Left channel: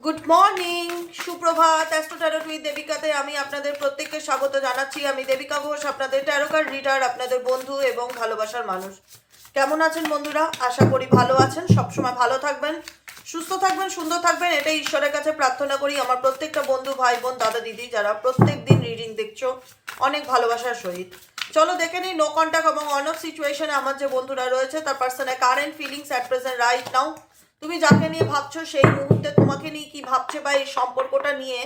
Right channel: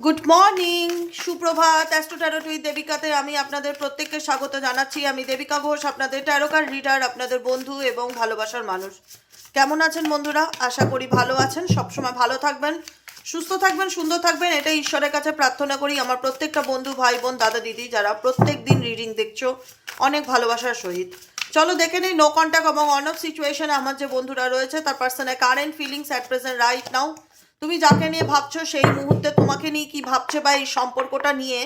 Good morning, সুপ্রভাত। Astro taro with দেবিকাতে আমি আপনাদের প্রত্যেককে স্বাগত জানাচ্ছি। আমি দেবিকা ঘোষ, আপনাদের ট্যারো কার্ড রিডার, আপনাদের বন্ধু এবং ভালোবাসার মানুষ। কেমন আছেন বন্ধুরা? আশা করি ভালো আছেন। সবসময় ভালো থাকবেন, সুস্থ থাকবেন, সুন্দর থাকবেন, এটাই ঈশ্বরের কাছে প্রার্থনা করি। আমার প্রত্যেকটা বন্ধু, ভাই বোন, দাদা দিদি যারা প্রত্যেক দিন রিডিং দেখছো, অনেক ভালোবাসার সহিত চলো দেখে নিই নো কন্ট্যাক্ট এবং অন অফ সিচুয়েশনে আমার যে বন্ধুরা রয়েছে তার পার্সনের current feelings at present right নাও। তুমি যাকে নিয়ে ভাবছো সেই মুহূর্তে তোমাকে নিয়ে কি ভাবছে বা এই সম্পর্কটা নিয়ে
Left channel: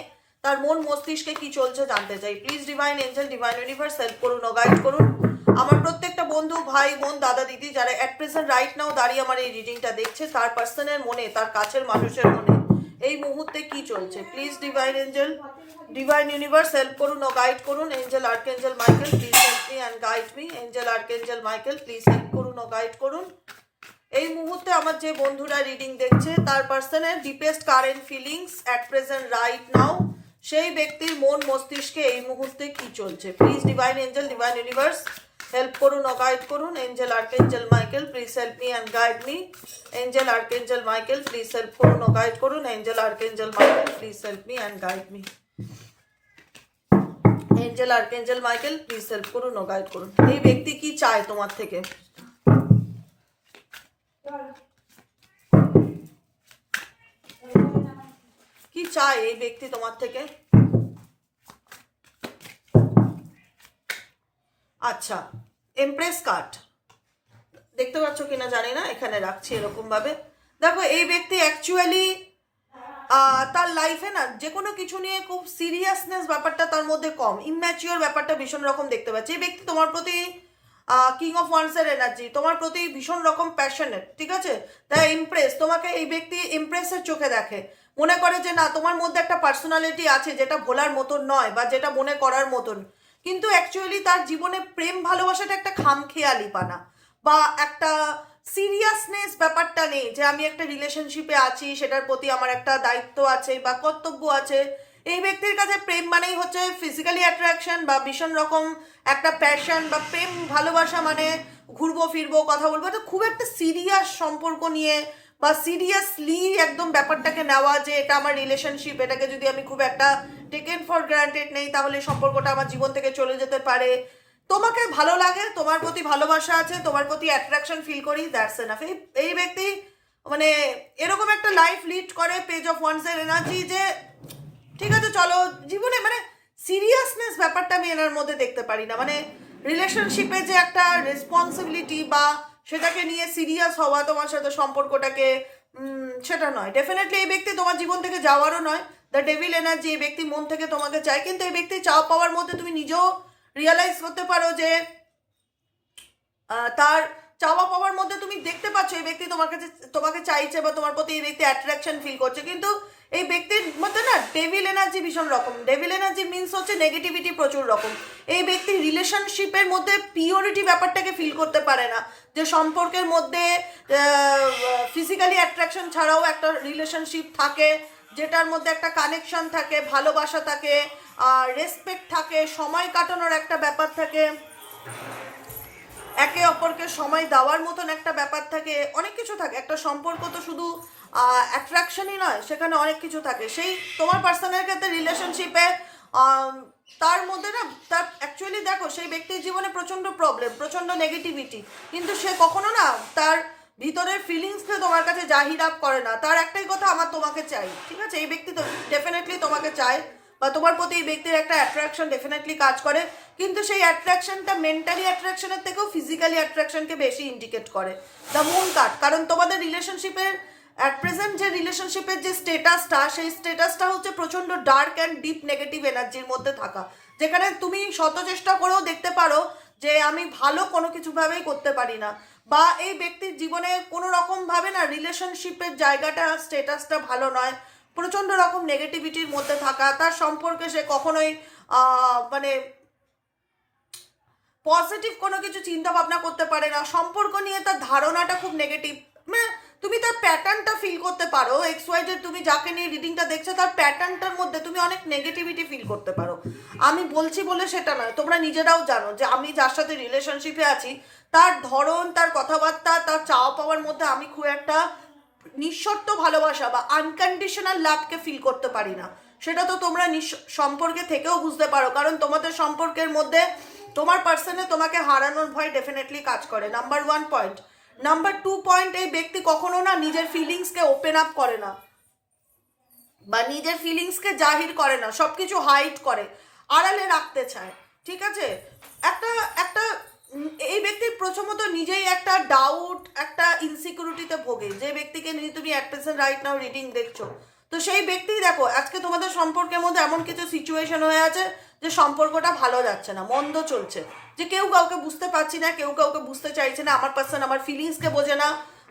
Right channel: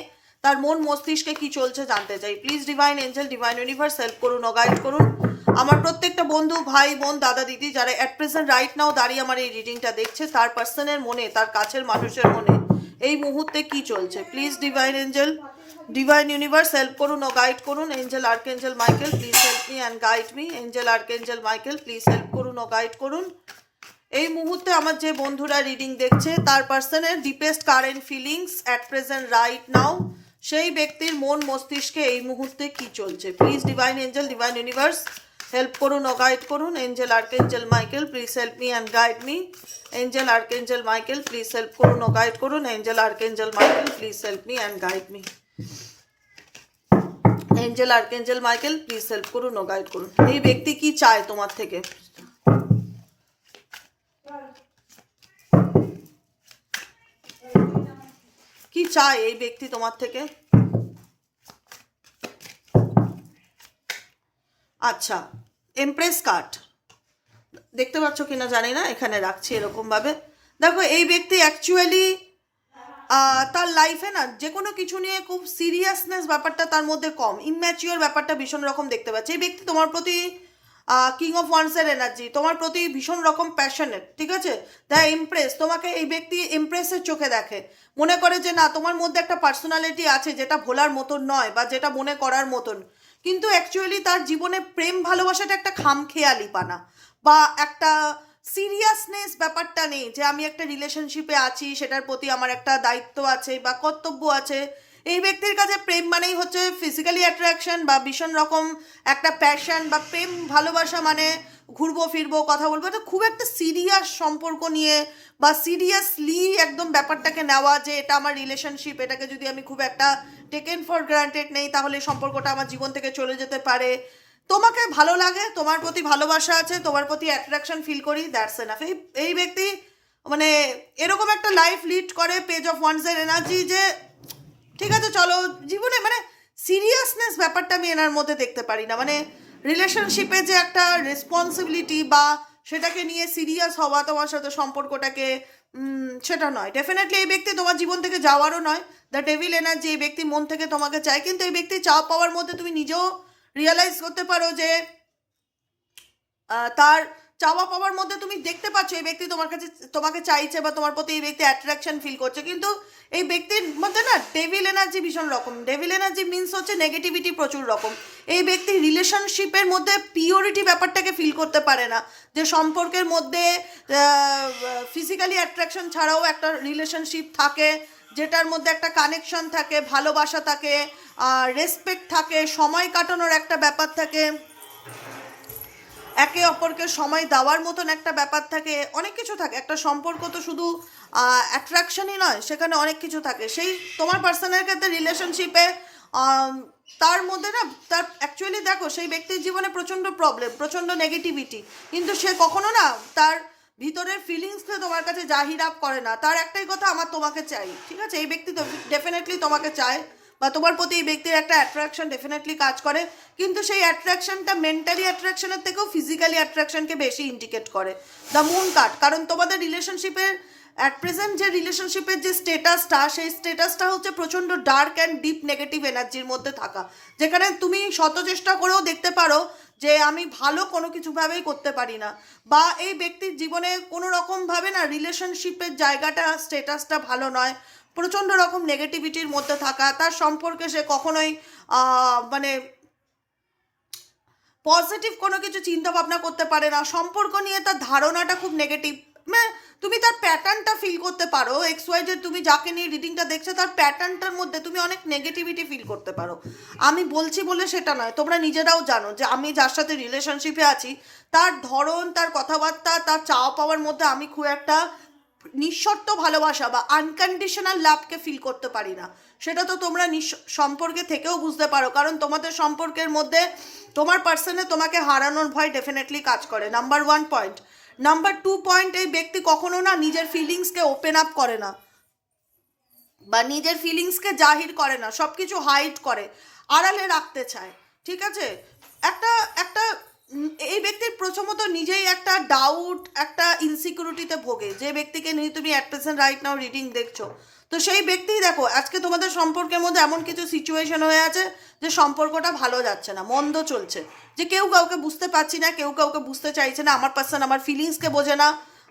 তার মন মস্তিষ্কে কি চলছে জানতে চাই। Please divine angel, divine universe help করুন ও গাইড করুন আমার প্রত্যেকটা বন্ধু, ভাই বোন, দাদা দিদি যারা অ্যাট প্রেজেন্ট রাইট নাও দাঁড়িয়ে আমার এই রিডিংটা দেখছে, তার পার্সনের মনে, তার কাছের মানুষের মনে এই মুহূর্তে কি চলছে। Please divine angel, divine universe help করুন ও গাইড করুন। Angel archangel Michael please help me and guide me. Angel archangel Michael please help করুন ও গাইড করুন এই মুহূর্তে আমার যে বন্ধুরা রিডিং দেখছে তার পার্সনের deepest current feelings at present right now, সেই ব্যক্তির মন মস্তিষ্কে এই মুহূর্তে কি চলছে। Please divine angel, divine universe help করুন ও গাইড করুন। Angel archangel Michael please help me and guide me. Angel archangel Michael please help করুন ও গাইড করুন। Angel archangel Michael please help me and guide me. Angel archangel Michael please help করুন ও guide করুন। এই ব্যক্তি কি চায় তোমার থেকে? কি চায় এই ব্যক্তি তোমার থেকে? আচ্ছা, এমপ্রেস কার্ড দেখতে পাচ্ছ কিনা জানি না, এখানে রাখছি এরকম ভাবে। দেখো, এই ব্যক্তি অ্যাকচুয়ালি তার লাইফে না যে কোনো কিছু নিয়ে খুব সিরিয়াসনেস ব্যাপারটা তার মধ্যে কম, ইনম্যাচিওর ব্যাপারটা ভীষণ রকম দেখতে পাচ্ছি। এই ব্যক্তি তোমার প্রতি কিং অফ ওয়ান্সের এনার্জি, তোমার প্রতি ভীষণ রকম প্যাশনেট, ঠিক আছে? দ্য ইমপ্রেস, তোমাকে এই ব্যক্তি ইমপ্রেসের চোখে দেখে, মনে করে যে না তোমার মধ্যে একটা পার্সোনালিটি আছে যেটা ভোলার মতন নয় বা যেটা মনে করার মতন। কিন্তু অ্যাকচুয়ালি তার জীবনে প্রেম ভালোবাসাটা একটা খামখেয়ালি পানা বা একটা সিরিয়াসনেস ব্যাপারটা নেই যে আমি একটা রিলেশনশিপে আছি, সেটার প্রতি আমার একটা দায়িত্ব আছে বা কর্তব্য আছে। এই ব্যক্তির কাছে প্রেম মানেই হচ্ছে ফিজিক্যালি অ্যাট্রাকশন বা ভীষণ রকম একটা প্যাশন বা প্রেম ভালোবাসা, মানে ঘুরবো ফিরবো কথা বলবো, তো খুব একটা সিরিয়াস সম্পর্ক নিয়ে বা সিরিয়াসলি একদম ব্যাপারটাকে নেওয়া যে এটা আমার রিলেশনশিপ, এটাকে যদি আমি খুব একটা টেকেন ফর গ্রান্টেড নেই তাহলে সম্পর্কটা আমার জীবন থেকে চলে যেতে পারে। তোমাকে ভালো লাগে, তোমার প্রতি ভালোবাসা আছে, তোমার প্রতি অ্যাট্রাকশন ফিল করি, দ্যাটস এনাফ। এই ব্যক্তি মানে এরকম একটা লাইফ লিড করে পেজ অফ ওয়ান্সের এনার্জি যে ঠিক আছে চলো জীবনে, মানে সিরিয়াসনেস ব্যাপারটা আমি এনার মধ্যে দেখতে পারি না। মানে রিলেশনশিপে যে একটা রেসপন্সিবিলিটি বা সেটাকে নিয়ে সিরিয়াস হওয়া তোমার সাথে সম্পর্কটাকে, সেটা নয়। ডেফিনেটলি এই ব্যক্তি তোমার জীবন থেকে যাওয়ারও নয়। দ্য ডেভিল এনার্জি, এই ব্যক্তি মন থেকে তোমাকে চায়, কিন্তু এই ব্যক্তি চাওয়া পাওয়ার মধ্যে তুমি নিজেও রিয়েলাইজ করতে পারো যে তার চাওয়া পাওয়ার মধ্যে তুমি দেখতে পাচ্ছ এই ব্যক্তি তোমার কাছে তোমাকে চাইছে বা তোমার প্রতি এই ব্যক্তি অ্যাট্রাকশন ফিল করছে, কিন্তু এই ব্যক্তির মধ্যে না ডেভিল এনার্জি ভীষণ রকম। ডেভিল এনার্জি মিনস হচ্ছে নেগেটিভিটি প্রচুর রকম। এই ব্যক্তি রিলেশনশিপের মধ্যে পিওরিটি ব্যাপারটাকে ফিল করতে পারে না, যে সম্পর্কের মধ্যে ফিজিক্যালি অ্যাট্রাকশন ছাড়াও একটা রিলেশনশিপ থাকে, যেটার মধ্যে একটা কানেকশন থাকে, ভালোবাসা থাকে, রেসপেক্ট থাকে, সময় কাটানোর একটা ব্যাপার থাকে, একে অপরকে সময় দেওয়ার মতন একটা ব্যাপার থাকে, অনেক কিছু থাকে। একটা সম্পর্ক তো শুধু অ্যাট্রাকশনই নয়, সেখানে অনেক কিছু থাকে। সেই তোমার পার্সোনাল ক্ষেত্রে রিলেশনশিপে তার মধ্যে না, তার অ্যাকচুয়ালি দেখো সেই ব্যক্তির জীবনে প্রচণ্ড প্রবলেম, প্রচণ্ড নেগেটিভিটি, কিন্তু সে কখনো না তার ভিতরের ফিলিংসকে তোমার কাছে জাহির আপ করে না। তার একটাই কথা, আমার তোমাকে চাই, ঠিক আছে? এই ব্যক্তি তো ডেফিনেটলি তোমাকে চায় বা তোমার প্রতি এই ব্যক্তির একটা অ্যাট্রাকশন ডেফিনেটলি কাজ করে, কিন্তু সেই অ্যাট্রাকশনটা মেন্টালি অ্যাট্রাকশনের থেকেও ফিজিক্যালি অ্যাট্রাকশনকে বেশি ইন্ডিকেট করে। দ্য মুন কার্ড, কারণ তোমাদের রিলেশনশিপের অ্যাট প্রেজেন্ট যে রিলেশনশিপের যে স্টেটাসটা, সেই স্টেটাসটা হচ্ছে প্রচণ্ড ডার্ক অ্যান্ড ডিপ নেগেটিভ এনার্জির মধ্যে থাকা, যেখানে তুমি শত চেষ্টা করেও দেখতে পারো যে আমি ভালো কোনো কিছুভাবেই করতে পারি না, বা এই ব্যক্তির জীবনে কোনো রকমভাবে না রিলেশনশিপের জায়গাটা স্টেটাসটা ভালো নয়, প্রচণ্ড রকম নেগেটিভিটির মধ্যে থাকা, তার সম্পর্কে সে কখনোই মানে পজিটিভ কোনো কিছু চিন্তা ভাবনা করতে পারে না, সম্পর্ক নিয়ে তার ধারণাটা খুব নেগেটিভ। মানে তুমি তার প্যাটার্নটা ফিল করতে পারো, এক্স ওয়াই যে তুমি যাকে নিয়ে রিডিংটা দেখছো তার প্যাটার্নটার মধ্যে তুমি অনেক নেগেটিভিটি ফিল করতে পারো। আমি বলছি বলে সেটা নয়, তোমরা নিজেরাও জানো যে আমি যার সাথে রিলেশনশিপে আছি তার ধরন, তার কথাবার্তা, তার চাওয়া পাওয়ার মধ্যে আমি খুব একটা নিঃশর্ত ভালোবাসা বা আনকন্ডিশনাল লাভকে ফিল করতে পারি না। সেটা তো তোমরা সম্পর্কে থেকেও বুঝতে পারো, কারণ তোমাদের সম্পর্কের মধ্যে তোমার পার্সনে তোমাকে হারানোর ভয় ডেফিনেটলি কাজ করে, নাম্বার 1 পয়েন্ট। নাম্বার 2 পয়েন্ট, এই ব্যক্তি কখনো না নিজের ফিলিংসকে ওপেন আপ করে না বা নিজের ফিলিংসকে জাহির করে না, সব কিছু হাইড করে, আড়ালে রাখতে চায়। ঠিক আছে, একটা একটা এই ব্যক্তির প্রথমত নিজেই একটা ডাউট, একটা ইনসিকিউরিটিতে ভোগে। যে ব্যক্তিকে নিয়ে তুমি at present right now reading দেখছো, তো সেই ব্যক্তিই দেখো আজকে তোমাদের সম্পর্কের মধ্যে এমন কিছু সিচুয়েশন হয়ে আছে যে সম্পর্কটা ভালো যাচ্ছে না, মন্দ চলছে, যে কেউ কাউকে বুঝতে পারছি না, কেউ কাউকে বুঝতে চাইছে না। আমার পার্সন আমার ফিলিংসকে বোঝে না,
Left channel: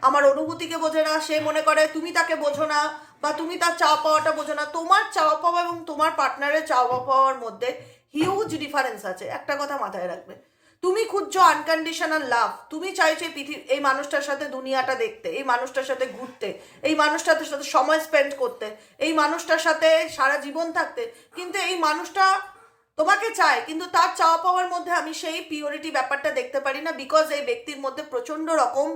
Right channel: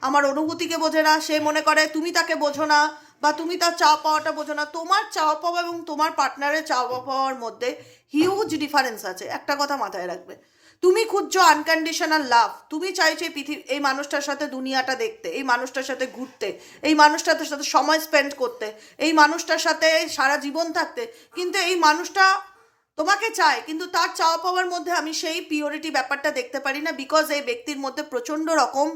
আমার অনুভূতিকে বোঝে না, সে মনে করে তুমি তাকে বোঝো না বা তুমি তার চাওয়া পাওয়াটা বোঝো না। তোমার চাওয়া পাওয়া এবং তোমার পার্টনারের চাওয়া পাওয়ার মধ্যে হিউজ ডিফারেন্স আছে। একটা কথা মাথায় রাখবে, তুমি খুঁজছো আনকন্ডিশনাল লাভ, তুমি চাইছো এই মানুষটার সাথে দুনিয়াটা দেখতে, এই মানুষটার সাথে ঘুরতে, এই মানুষটার সাথে সময় স্পেন্ড করতে, এই মানুষটার সাথে সারা জীবন থাকতে, কিন্তু এই মানুষটা তোমাকে চায়, কিন্তু তার চাওয়া পাওয়ার মধ্যে আমি সেই পিওরিটি ব্যাপারটা দেখতে পারি না, বিকজ এই ব্যক্তির মধ্যে প্রচণ্ড রকম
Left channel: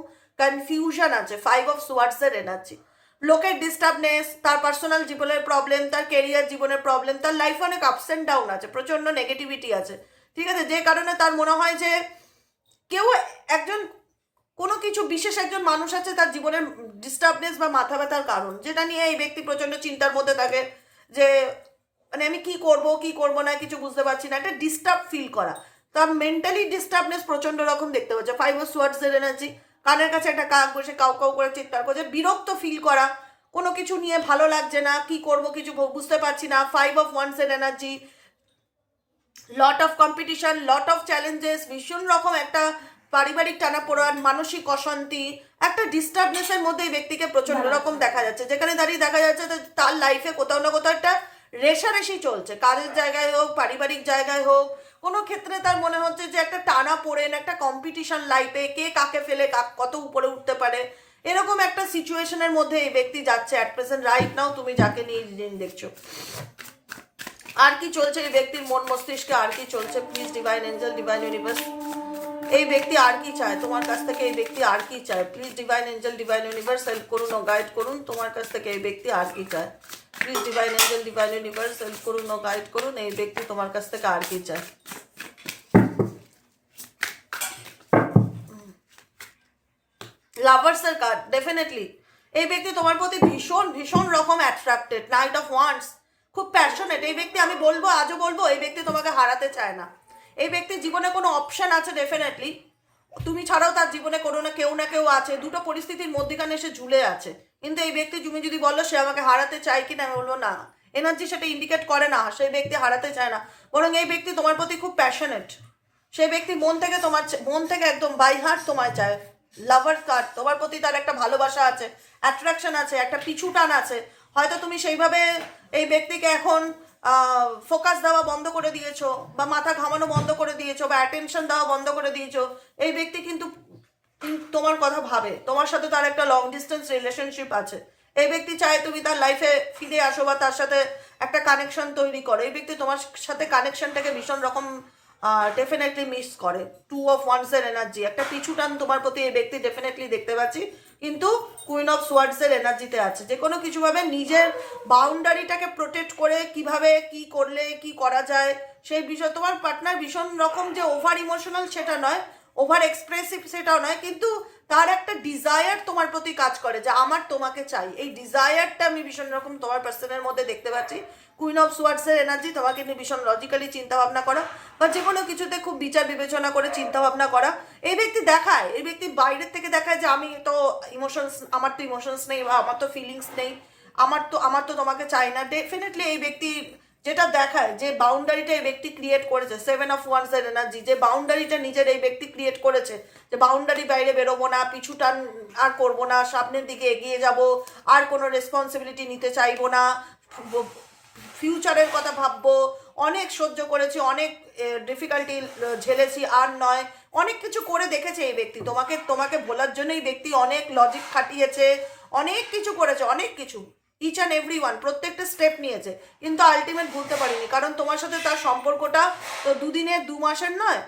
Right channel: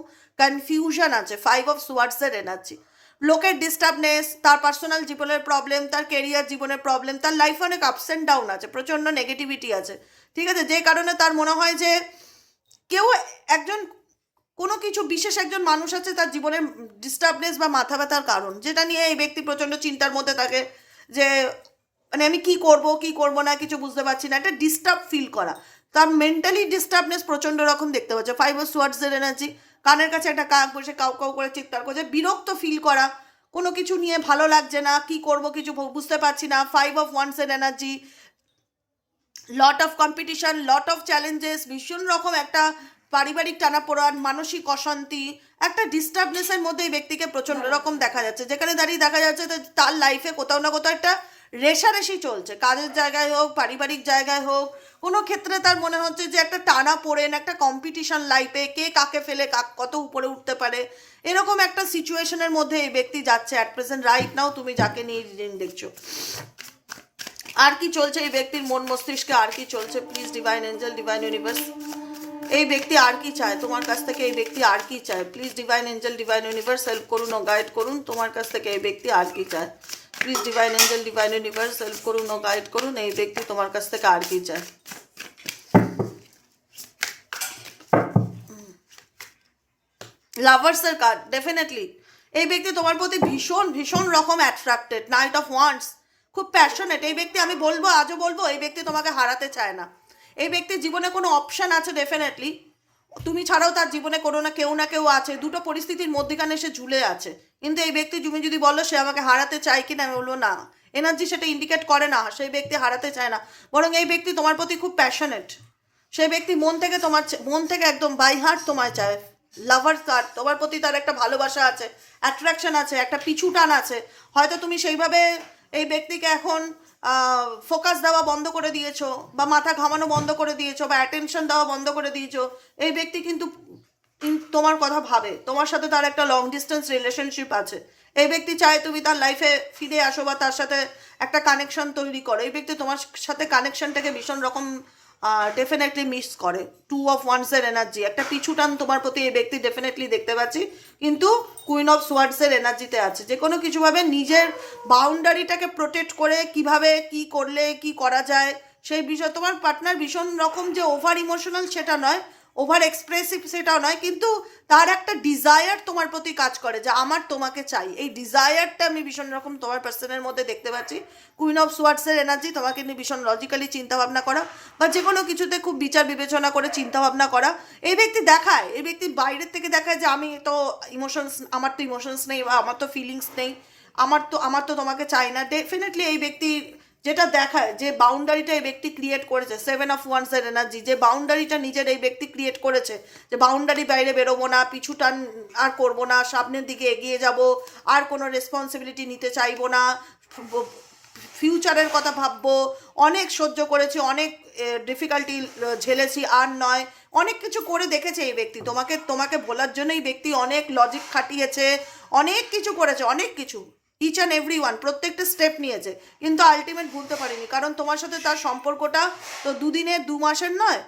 কনফিউশন আছে। 5 অফ সোয়ার্ডসের এনার্জি, লোকের ডিস্টার্বনেস, তার পার্সোনাল জীবনের প্রবলেম, তার কেরিয়ার জীবনের প্রবলেম, তার লাইফে অনেক আপস অ্যান্ড ডাউন আছে, প্রচণ্ড নেগেটিভিটি আছে। ঠিক আছে, যে কারণে তার মনে হয় যে কেউ একজন কোনো কিছু বিশেষ একজন মানুষ আছে তার জীবনের ডিস্টার্বনেস বা মাথা ব্যথার কারণ, যেটা নিয়ে এই ব্যক্তি প্রচণ্ড চিন্তার মধ্যে থাকে যে মানে আমি কি করব না কিছু বুঝতে পারছি না, একটা ডিস্টার্ব ফিল করা, তার মেন্টালি ডিস্টার্বনেস প্রচণ্ড রকম দেখতে পাচ্ছে। 5 অফ সোয়ার্ডসের এনার্জি, কানের কাছে একটা কাক বসে কাউ কাউ করে চিৎকার করছে, বিরক্ত ফিল করা, কোনো কিছু নিয়ে ভালো লাগছে না, কি করব কিছু বুঝতে পারছি না। 5 অফ ওয়ান্সের energy, lot of competition, lot of challenges, ভীষণ রকম একটা পারিবারিক টানাপোড়ান, মানসিক অশান্তি, একটা ডিস্টার্বনেসের মধ্যে এই ব্যক্তিকে প্রচণ্ড রকম দেখা যাচ্ছে, যেখানে দাঁড়িয়ে দেখা যাচ্ছে যে তার লাইফে কোথাও না কোথাও একটা রেশারেশি চলছে, কাজের জায়গায় হোক, পারিবারিক জায়গায় হোক, কোনো ক্ষেত্রে তার মনে হচ্ছে যে একটা টানা পড়েন, একটা কম্পিটিশন লাইফে, কে কাকে ফেলে কত উপরে উঠতে পারে, এরকম একটা সিচুয়েশনের মধ্যে এই ব্যক্তি যাচ্ছে অ্যাট প্রেজেন্ট রাইট নাও তুমি যাকে নিয়ে রিডিং দেখছো। আর কি চলছে এই ব্যক্তির মন মস্তিষ্কে, আর কি চলছে please divine angel, divine universe, এই ব্যক্তি আর কি চায় তোমার কাছ থেকে, এই ব্যক্তি আর কি চায় please divine angel, divine universe help করুন ও গাইড করুন, তোমার কাছ থেকে এই ব্যক্তি আর কি চায় please divine angel, divine universe help করুন ও গাইড করুন, এই ব্যক্তি তোমার কাছ থেকে আর কি চায়। লাভার্সের কার্ড, ডেফিনেটলি এই ব্যক্তি তোমার প্রতি ভীষণ ভীষণ রকম অ্যাট্রাক্টেড। নাইট অফ ওয়ান্স, খুব প্যাশনেট এই ব্যক্তি, আমি বলবো আজও বলবো এই ব্যক্তি তোমাকে হারাতে চায় না। এই ব্যক্তির জীবনে কোনো অপশন আছে ডেফিনেটলি, তুমি ছাড়াও তার জীবনে কোনো না কেউ আছে, দুটো পরিস্থিতির মধ্যখানে সে ঝুলে আছে, কিন্তু এই ব্যক্তি তুমি যদি বলো সে আমাকে হারাতে চায় কি না, আমি বলবো না, এনার্জি সেটা ইন্ডিকেট করে না সেই ব্যক্তি হারাতে চায় না, বরং এই ব্যক্তি তোমার প্রতি খুব প্যাশনেট। সেই ব্যক্তি মন থেকে মন থেকে একদম বাই হার্ট তোমায় চায়। লাভার্স কার্ড, তোমার প্রতি তার একটা ভালোবাসা আছে, অ্যাট্রাকশন আছে, একটা পিছু টান আছে। হয়তো তুমি সেইভাবে এই ব্যক্তিকে এখন ফোকাস দেওয়া বন্ধ করে দিয়েছো, বা মাথা ঘামানো বন্ধ করে দিয়েছো, বা অ্যাটেনশন দেওয়া বন্ধ করে দিয়েছো। এই ব্যক্তি কিন্তু তোমার কথা ভাবে, তোমার সাথে তার একটা লং ডিস্টেন্স রিলেশনশিপ আছে। এই ব্যক্তি চায় তুমি তার লাইফে ফিরে আসো বা তার সাথে একটা কানেকশন তৈরি করো। এই ব্যক্তি তোমার সাথে কানেকশনটাকে ভীষণ রকম ডেফিনেটলি মিস করে। 2 অফ ওয়ান্সের এনার্জি, একটা পিছু টান তোমার প্রতি এই ব্যক্তি ডেফিনেটলি দেখতে পাচ্ছি, কিন্তু কুইন অফ সোয়ার্ডসের এনার্জিতে আছে। যে কোনো কিছুভাবে নিজের বাউন্ডারিটাকে প্রোটেক্ট করে কিভাবে কি করলে কি করা যায় সেই বিষয়। তোমার পার্টনার ভীষণ রকম যে ওভার ইমোশনাল সেটা নয়, ওভার এক্সপ্রেসিভ সেটাও নয়, কিন্তু তার একটা ডিজায়ার তোমার প্রতি কাজ করে যে আমার তোমাকে চাই। এই ডিজায়ারটা আমি ভীষণ রকম তোমার পার্সনের মধ্যে দেখতে পাচ্ছি। কুইন অফ সোয়ার্ডসের এনার্জি, তোমাকে নিয়ে ভীষণ লজিক্যালি চিন্তাভাবনা করা বা যে কোনো কিছুতে খুব বিচার বিবেচনা করে চিন্তাভাবনা করা। এই ব্যক্তি দেখায়, এই ব্যক্তি বাইরের থেকে দেখায় যে আমি তো ইমোশনস, আমার তো ইমোশনস নেই বা আমার তো ফিলিংস নেই, আমার তো তোমাকে চাই না। ডেফিনেটলি এই ব্যক্তি যেটা দেখায়, যে বাউন্ডারিটা এই ব্যক্তি ক্রিয়েট করেছে, 7 অফ ওয়ান্সের এনার্জি, যে বাউন্ডারিটা নিজের এই ব্যক্তি ক্রিয়েট করেছে, যে বাউন্ডারি বাইরে বেরোবো না, পিছু টান আর করবো না, সামনের দিকে এগিয়ে যাব, আর কোনো রেসপন্সিবিলিটি নিতে চাইবো না, ফিউচারের কথা ভাববো, অনেক সহ্য করেছি, অনেক ডিফিকাল্টি ঝেলেছি, আর নয়, অনেক কিছু করে দেখেছে এই ব্যক্তি তোমাকে ভোলার জন্য। এই ব্যক্তি অনেক লজিক খাটিয়েছে, অনেক কিছু করেছে, অনেক কিছু, ইচ অ্যান্ড এভরি ওয়ান, প্রত্যেকটা স্টেপ নিয়েছে, কিন্তু আলটিমেট ভুলতে পারিনি। কারণ তোমার সাথে তার সম্পর্কটা তো 2 দিনের 2 মাসের নয়,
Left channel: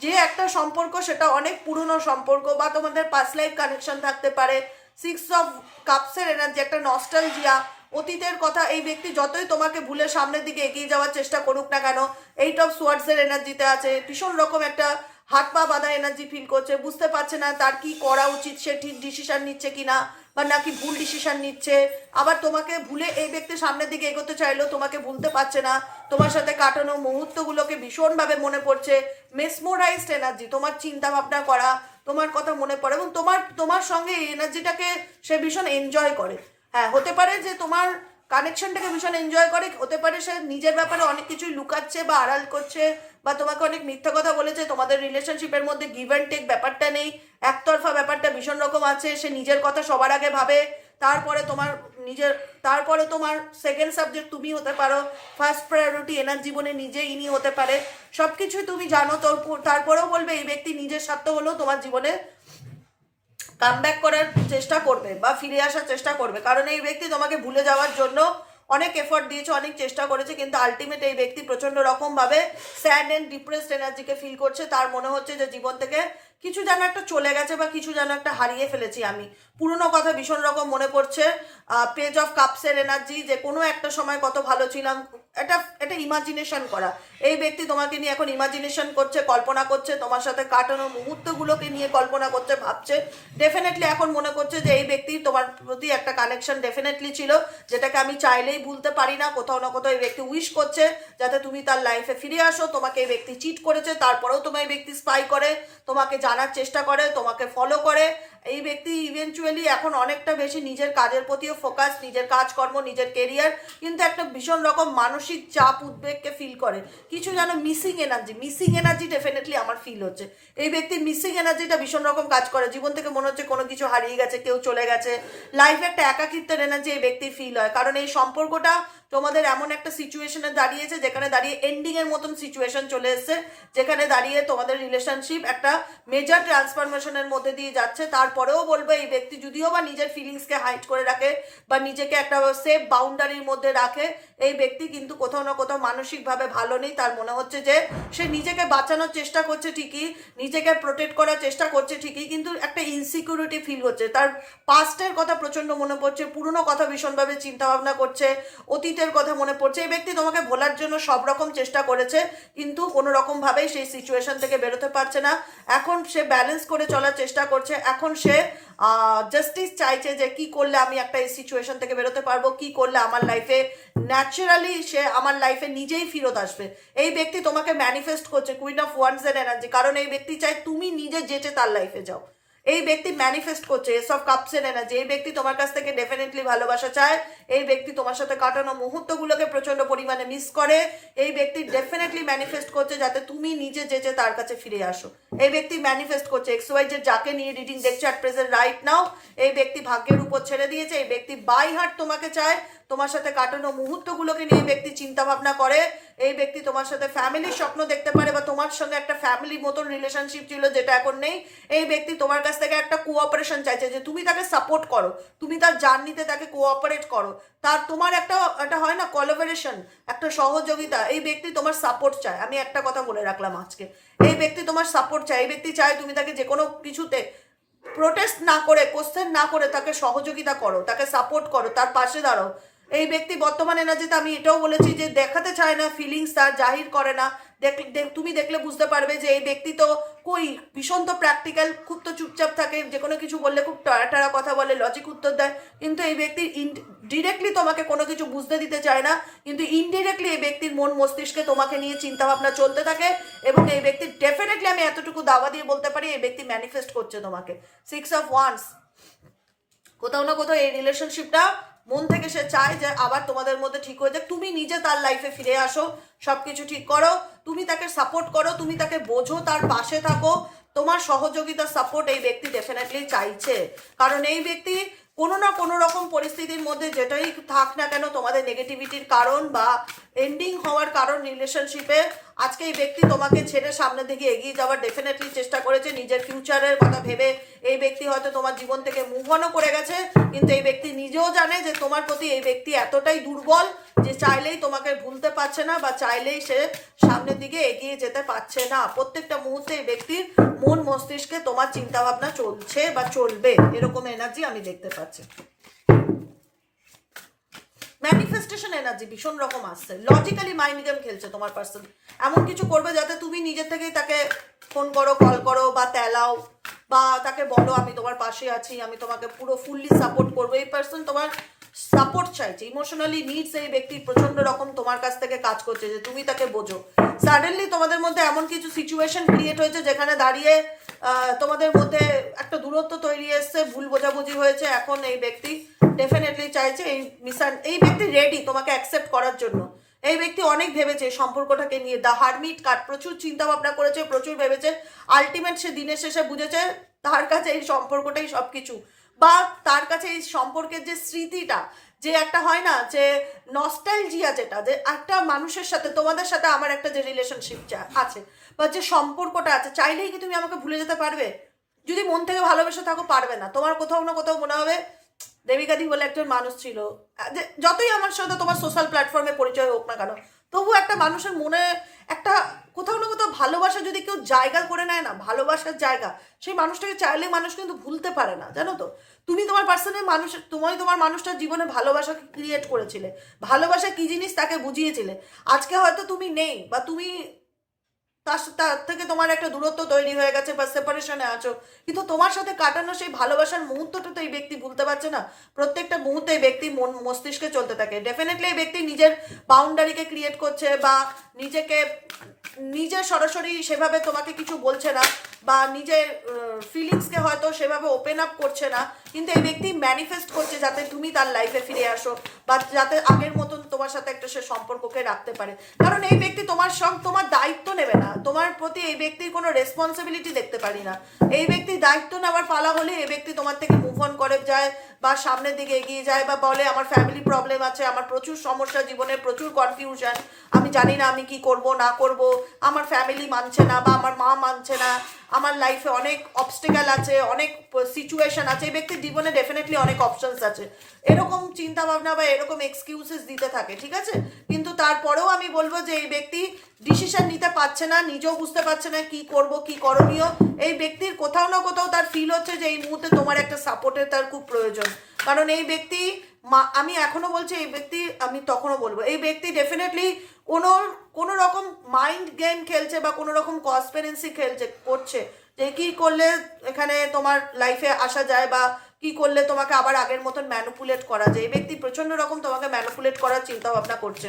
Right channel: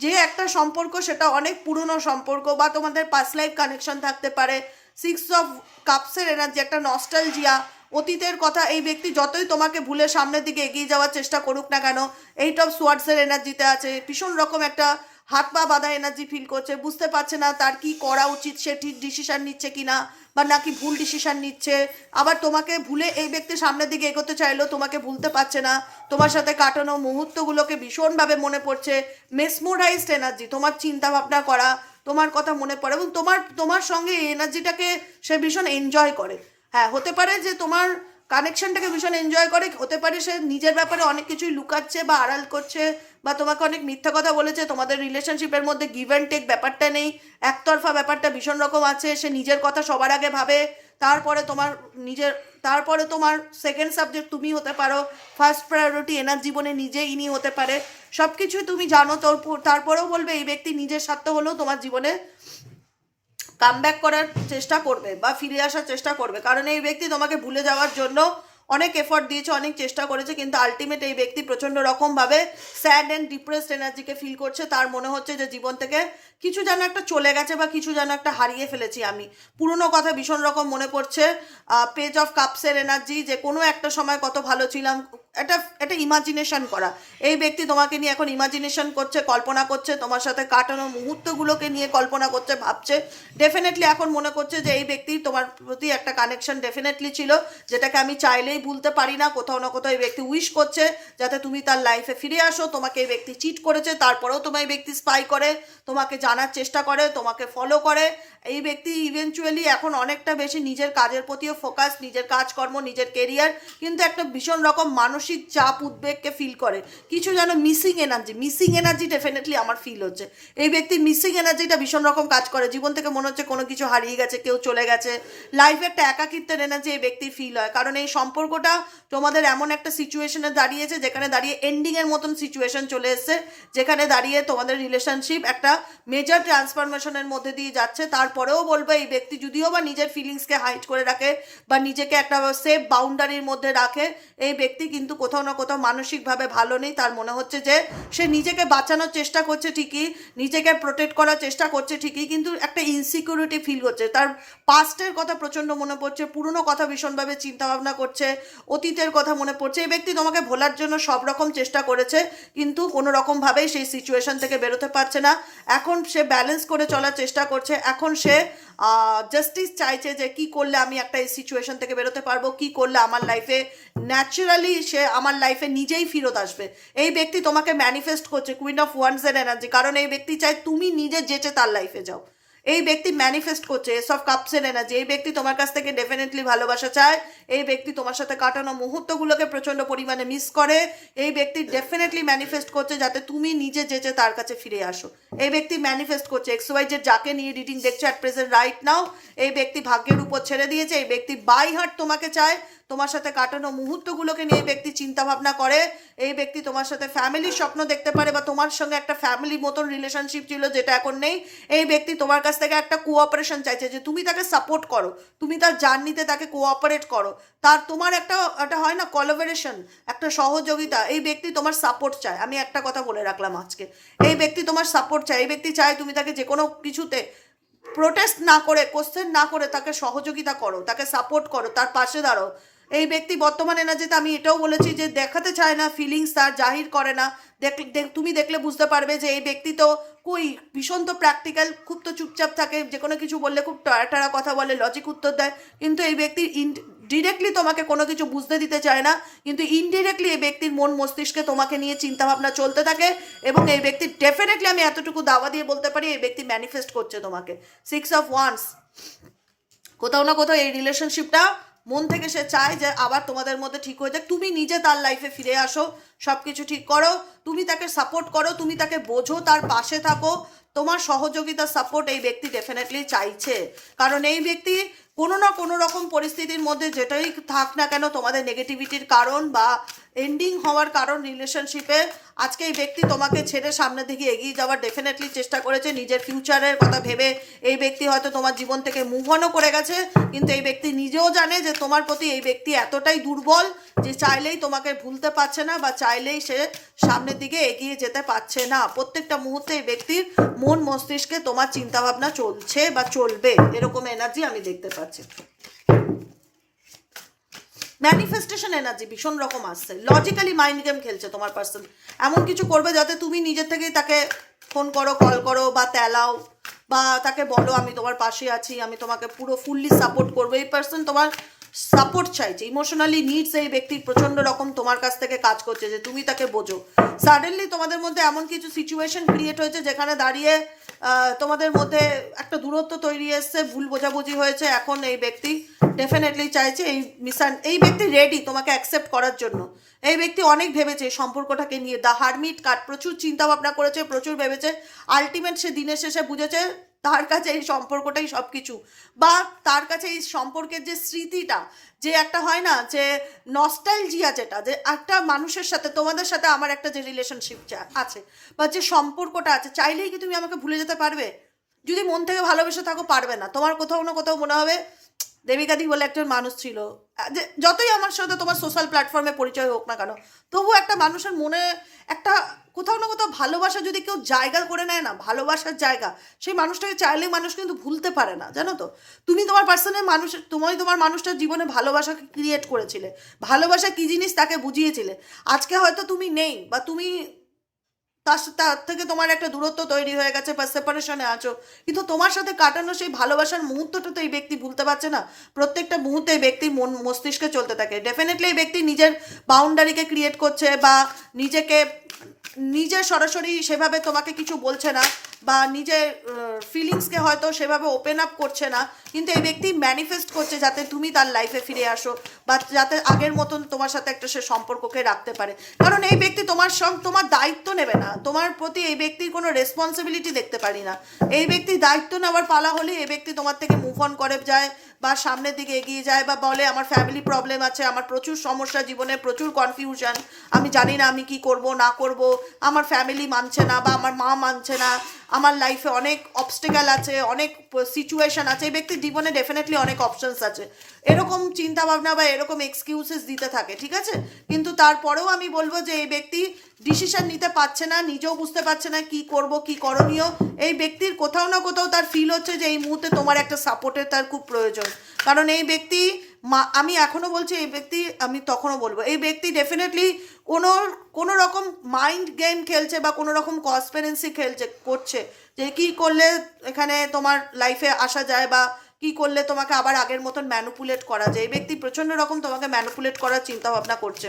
যে একটা সম্পর্ক সেটা অনেক পুরনো সম্পর্ক, বা তোমাদের পাস্ট লাইফ কানেকশন থাকতে পারে, সিক্স অফ কাপসের এনার্জি, একটা নস্টালজিয়া, অতীতের কথা। এই ব্যক্তি যতই তোমাকে ভুলে সামনের দিকে এগিয়ে যাওয়ার চেষ্টা করুক না কেন, এইট অফ সোয়ার্ডসের এনার্জিতে আছে, ভীষণ রকম একটা হাত পা বাঁধা এনার্জি ফিল করছে, বুঝতে পারছে না তার কি করা উচিত, সে ঠিক ডিসিশন নিচ্ছে কিনা বা নাকি ভুল ডিসিশন নিচ্ছে। আবার তোমাকে ভুলে এই ব্যক্তি সামনের দিকে এগোতে চাইলেও তোমাকে ভুলতে পারছে না, তোমার সাথে কাটানো মুহূর্তগুলোকে ভীষণভাবে মনে পড়ছে। মেসমোরাইজড এনার্জি, তোমার চিন্তা ভাবনা করা, তোমার কথা মনে পড়ে এবং তোমার তোমার সঙ্গে এই এনার্জিটাকে সে ভীষণ এনজয় করে। হ্যাঁ, হতে পারে যে তোমার কানেকশনটাকে ভীষণ এনজয় করে, হতে পারে সে নিজের ব্যাপারে অনেক কিছুই লুকাচ্ছে বা আড়াল করছে বা তোমাকে অনেক মিথ্যা কথা বলেছে, তোমাদের রিলেশনশিপের মধ্যে গিভ অ্যান্ড টেক ব্যাপারটা নেই, একতরফা ব্যাপারটা ভীষণ রকম আছে। সে নিজের কথা সবার আগে ভাবে, তারপরে তোমার নিজের, তারপরে তোমার সেকেন্ড সাবজেক্ট তুমি হতে পারো, ফার্স্ট প্রায়োরিটি এনার জীবনে নিজে ইনি হতে পারে। সব কিছুই তুমি জানো, তো তারপরেও বলবে এই ব্যক্তি নিজের স্বার্থ হলেও তোমার জীবনে কামব্যাক করার চেষ্টা করবে বা ফিরে আসার চেষ্টা করবে, কারণ এই ব্যক্তি তোমাকে ভুলে যাওয়ার জন্য অনেক এফর্ট দিয়েছে, অনেক চেষ্টা করেছে, কিন্তু আলটিমেট এই ব্যক্তি প্রচণ্ড রকমভাবে স্যাড অ্যান্ড ডিপ্রেসড এনার্জিকে ফিল করছে। তার মনে হচ্ছে যে জীবন থেকে কিছু যেন একটা চলে গেছে বা কিছু যেন একটা হারিয়ে ফেলেছি আমি। পুরনো কথা ভীষণ রকম মনে পড়ছে। পেজ অফ কাপসের এনার্জি, যে কোনো একটা সময় কত ভালো ছিলাম, এটা এটা ইমাজিনেশন করা। এই ব্যক্তি তোমাকে নিয়ে এখন ইমাজিনেশন করছে, কল্পনা করছে, তোমার সাথে কাটানো মুহূর্তগুলোকে নিয়ে কল্পনা করছে, ভাবছে। ডেফিনেটলি এখন মনে করছে যে এই ব্যক্তি তোমার প্রতি একটা কানেকশন ডেফিনেটলি ছিল, যেটাকে আমি চাইলেই ভুলতে পারি না। কোথাও না কোথাও এই ব্যক্তি উইশ করছে যাতে তুমি তার লাইফে ফিরে আসো। তোমাকে এই ব্যক্তি চিট করেছে, তারপরেও তোমার এই ব্যক্তি স্পাই করে, তোমাকে জানার চেষ্টা করে, তোমাকে ফলো করে। এই ব্যক্তি ইভেনচুয়ালি এখন অনেকটা বেশি নিজের কাজের প্রতিও ফোকাস, নিজের কাজকর্ম, নিজের কেরিয়ার, কিন্তু একটা ভীষণ রকম মানসিক চাপ উদ্বেগকে ফিল করে। কিছু যেন মিসিং এনার্জি ডেফিনেটলি আমার ফিল হচ্ছে। এই ব্যক্তির মিসিং এনার্জিটা ভীষণ রকম কাজ করে, জীবন থেকে মনে হচ্ছে কোনো কিছু হারিয়ে গেছে, কেউ চলে গেছে, লাইফে একটা একাকিত্বের এনার্জি এই ব্যক্তির ফিল হয়। কারণ এই সম্পর্কটা তোমাদের এমন একটা সিচুয়েশনে দাঁড়িয়েছে যেখানে দাঁড়িয়ে এন্ডিংয়ের মতন সিচুয়েশন চলে এসছে, যেখানে দাঁড়িয়ে তোমাদের রিলেশনশিপ একটা মেজর ট্রান্সফরমেশনের মধ্যে দিয়ে যাচ্ছে। তারপরেও বলবো এই ব্যক্তি যদিও বা নিজের ফিলিংসকে হাইড করে রাখে বা নিজেকে একটা সেফ বাউন্ডারির মধ্যে রাখে, এই ব্যক্তি কিন্তু কোথাও না কোথাও মানসিকভাবে ভালো নেই। তার মনে হচ্ছে যে সে নিজেকে বাঁচানোর চেষ্টা করছে ঠিকই, নিজেকে প্রোটেক্ট করার চেষ্টা করছে ঠিকই, কিন্তু একটা ইনসিকিউরিটি ফিল হচ্ছে। তার পাস্টের কথা প্রচণ্ড মনে পড়ছে, পুরনো কথা ভীষণভাবে চিন্তা ভাবনা করছে, অতীতের কথা মনে পড়ছে। এই ব্যক্তি তোমাকে ভোলার জন্য সব রকম চেষ্টা করেছে, কিন্তু কোনো রকমভাবেই সেই সিচুয়েশন থেকে বেরোতে পারছে না। এখন সে ব্যালেন্স করে চলার চেষ্টা করছে। এখন সে জাস্টিস চাইছে যে কি করলে আমি একটা এই সিচুয়েশন থেকে বেরোতে পারবো, কি করলে আমার লাইফে ন্যাচারালি সে আমার লাইফে নিজেই ফেরত আসবে। এই ব্যক্তি তোমাকে ম্যানিফেস্ট করছে কুইন অফ ওয়ান্ডসের এনার্জি, কারণ এই ব্যক্তি চায় তুমি নিজে যেচে তার লাইফে যাও। এই ব্যক্তি ম্যানিফেস্ট করছে এস অফ কাপসের এনার্জি। এই ব্যক্তি তোমার কাছ থেকে ডেফিনেটলি ভালোবাসা চায়। এই ব্যক্তি তোমার সাথে কাটানো মুহূর্তগুলোকে প্রচণ্ড পরিমাণে মিস করে। এই ব্যক্তি ডেফিনেটলি ম্যানিফেস্ট করছে যাতে তুমি নিজে যেচে তার কাছে ফিরে আসো। এই ব্যক্তি ম্যানিফেস্ট করছে XYZ যাকে নিয়ে রিডিং দেখছো অ্যাট প্রেজেন্ট রাইট নাও, এই ব্যক্তি ভাগ্যের উপর ছেড়ে দিয়েছে। এই ব্যক্তি বাই হার্ট তোমাকে চায়, তোমার সাথে কাটানো মুহূর্তগুলোকে নিয়ে এই ব্যক্তি চিন্তা ভাবনা করে। এই ব্যক্তি তোমার সাথে ফ্যামিলির স্বপ্ন দেখতে পারে বা তোমার সঙ্গে একটা ফ্যামিলির মতন রিলেশনশিপ ছিল যেটা এখন নেই। এই ব্যক্তি তোমার কাছ থেকে একটা কোঅপারেশন চাইছে, যে তুমি তাকে সাপোর্ট করো, তুমি তার জার্নিতে তাকে কোঅপারেট করো, তার তোমার একটা হয় না কোলাবোরেশন, একটা সহযোগিতা। এই ব্যক্তি তোমার সাপোর্ট চায়। আমি একটা কথা বলে রাখলাম আজকে, এই ব্যক্তি তোমার সাপোর্ট চায়। এই ব্যক্তি চায় তুমি তাকে যে কোনো কিছুতে প্রোটেস্ট না করে, কোশ্চেন না করে তাকে সহযোগিতা করো, তাকে সাপোর্ট করো, তার পাশে দাঁড়াও। এই ব্যক্তি বর্তমান এনার্জিতে আমি এটাও বলেছি যে দেখাতে চায় না, ফিলিংস তার জাহির করে না। তুমি দেখলে বুঝতে পারবে যে এই ব্যক্তি তো ভীষণ তো প্র্যাকটিক্যাল, খুব তো চুপচাপ থাকে, যে কোনো কিছু বললে খুব টাড়া কথা বলে, লজিক উত্তর দেয়, কিন্তু এই ব্যক্তি ডিরেক্টলি তোমাকে কোনো কিছু বুঝতে দিতে চায় না, কিন্তু ইনডিরেক্টলি এই ব্যক্তির মন মস্তিষ্কে তোমাকে নিয়ে চিন্তাভাবনা চলতে থাকে। এবং এই ব্যক্তি ডেফিনেটলি আমি এতটুকু দাওয়া দিয়ে বলতে পারি এই ব্যক্তি ম্যানিফেস্ট করছে তোমাকে। 6 অফ ওয়ান্স, কোথাও না কোথাও এই রিলেশনশিপটা মন থেকে সে চায় যে আবার তোমাদের মধ্যে ঠিক হয়ে যাক, তুমি নিজে তার লাইফে ফিরে আসো, সব কিছু ঠিক করো, তুমি তাকে সাপোর্ট করো, তুমি তাকে বোঝো, তার পাশে থাকো, তোমার সহযোগিতা সাপোর্ট এই ব্যক্তি ডেফিনেটলি চাইছে। কারণ এই ব্যক্তি কোনো না কোনো রকম পরিস্থিতির মধ্যে যেটাই থাক না কেন, তোমাদের নেগেটিভিটির কারণ বা এন্ডিং হওয়ার কারণ রিলেশনশিপে, আজকে এই ব্যক্তি তোমাকে ছেড়ে সামনের দিকে এগিয়ে যাওয়ার ডেফিনেটলি চেষ্টা করেছে, নিজের ফিউচারের কথা ভেবে এই ব্যক্তি হয়তো তোমার জীবন থেকে মুভ অনও করে গেছে, কিন্তু এই ব্যক্তি নিজেও জানে যে তোমার প্রতি এই ব্যক্তি এতটাই দুর্বল যে চাইলেই তোমাকে ভুলতে পারছে না বা চাইলেই সে সামনের দিকে এগিয়ে যেতে পারছে না। প্রত্যেকটা মুহূর্তে এই ব্যক্তির মন মস্তিষ্কে তোমার চিন্তাভাবনা চলছে বা চলবে, এরকম এনার্জি আমি দেখতে পাচ্ছি। ম্যানিফেস্টেশন এনার্জি ভীষণ রকম আসছে, লজিক্যালি মাইন্ড গেম খেলছে তোমার পার্সন, এমন কিছু করবে যাতে তুমি নিজের থেকেই তাকে ফোন করো, কল করো বা তেলাও বা তাকে বলো আমি তোমার পাশে আছি, আমি তোমাকে পুরো ফুললি সাপোর্ট করবো। এই পার্সন তোমার সাপোর্ট চাইছে, ইমোশনালি নিডস এই ব্যক্তির প্রচন্ড রকম তোমার কাছ থেকে কাজ করছে যে তুমি তাকে বোঝো। সাডেনলি তোমাদের মধ্যে এমন কিছু সিচুয়েশন ক্রিয়েট হয়েছে যেখানে দাঁড়িয়ে তোমাদের মধ্যে একটা দূরত্ব তৈরি এসছে, ভুল বোঝাবুঝি হয়েছে। এখন এই ব্যক্তি ডেফিনেটলি চাইছে এই ব্যক্তি রেডি তোমাকে অ্যাকসেপ্ট করার জন্য। এই ব্যক্তি অনেক ভেবেছে সম্পর্কটাকে নিয়ে, দ্য হারমিট কার্ড, প্রচুর চিন্তা ভাবনা করেছে, প্রচুর ভেবেছে। আলটিমেট সে দিনের শেষে বুঝেছে তার কাছে এই সম্পর্কটাই সব কিছু, বা তার কাছে এই সম্পর্কের যে স্মৃতিটা, যে একটা হয় না যে নস্টালজিয়া, যেটা যে একটা মানুষের সাথে তোমাদের সাথে আমার একটা যে রিলেশনশিপ আছে বা যে সম্পর্কটা আছে, চাইলেই কি তুমি আমাকে ভুলে যেতে পারবে? যদি মন থেকে ভালোবেসে থাকো পারবে না। তোমার কোথাও না কোথাও মনে হবে দেবিকাদি বলে একজন মানুষ ছিল, যে যতই আমার সাথে তোমার সোশ্যাল প্ল্যাটফর্মে পরিচয় হোক না কেন, তবু একটা মানুষের মনে একটা কোথাও না কোথাও ভালোবাসা যদি কেউ জায়গা করে নেয় না, ভালোবাসার জায়গা, সেই মানুষটাকে চাইলে মানুষ কিন্তু ভুলতে পারে না, জানো তো। তুমি তোমার পার্সনের মানুষের, তোমার মানুষটার জীবনে ভালোবাসাকে ক্রিয়েট করেছিলে, ভালোবাসা কি জিনিস তাকে বুঝিয়েছিলে। আজকে হয়তো তুমি নেই বা তুমি তার থেকে তোমার একটা দূরত্ব তৈরি হয়ে গেছে বা সেপারেশনে আছো, কিন্তু তোমার সাথে কাটানো সেই ভালোবাসার মুহূর্তটা তো এই ব্যক্তি ভুলতে পারছে না। প্রত্যেকটা মুহূর্তে এই ব্যক্তির মন মস্তিষ্কে চলতে থাকে। ডেফিনেটলি এই ব্যক্তি নিজের বাউন্ডারিকে ক্রিয়েট করছে বা নিজের সরাসরি সেভাবে তোমাকে কিছু বলছে না বা নিজের ফিলিংসকে হয়তো সেভাবে ওপেন আপ করছে না, কিন্তু এই ব্যক্তি ম্যানিফেস্ট করছে যাতে তুমি তার লাইফে ফিরে আসো বা যাতে আগের মতন তোমার সাথে একটা সে সম্পর্ককে রাখতে পারে। কারণ এই ব্যক্তি তোমার দায়িত্ব নেবে না, তোমার প্রতি এই ব্যক্তির কোনো রেসপন্সিবিলিটি দেখতে পারি না। এই ব্যক্তি দায়িত্ব নেওয়ার পালা হলে এই ব্যক্তি তোমার থেকে মুভ অন করে যায় বা সামনের দিকে এগিয়ে যায় বা বলে আমার ফ্যামিলি প্রবলেম আছে, আমার প্রচুর সমস্যা জীবনে, প্রচুর কনফিউশন, আমি জানি না আমি কি করব না করব, আমার ফ্যামিলি মানছে না বা আমার মা মানছে না, আমার লাইফে অনেক অবস্টেকাল আছে, অনেক সিচুয়েশন আছে। এই ব্যক্তির জীবনে ডেফিনেটলি অনেক অপশনস আছে, এরকম চিন্তা ভাবনা বা এরকম এক্সকিউজেস দিতে থাকে, ঠিক আছে। কিন্তু তারপরেও আমি বলবো যে এই ব্যক্তি ডিসিশন নিতে পারছে না, নিজেও বুঝতে পারছে না কি করব কি করণীয়। এই ব্যক্তির কোথাও না কোথাও তার ফিল হচ্ছে যে এই মুহূর্তে তোমার একটা সাপোর্টের তার খুব প্রয়োজন। কারণ এই ব্যক্তি, আমি এখনো বলছি এই ব্যক্তি, আমি তখনও বলবো এই ব্যক্তি ডেফিনেটলি কোনো রকম মাইন্ড গেম খেলছে বা কোনো রকম কনস্পিরেন্সি করছে যে কি করলে এখানে তোমার লাইফে আসা যায় বা কি করলে তোমাকে আবার আগের মতন ম্যানুপুলেট করা যায়। এই ব্যক্তি প্রচন্ড রকম তোমাকে ম্যানুপুলেট করার চিন্তা ভাবনা করছে।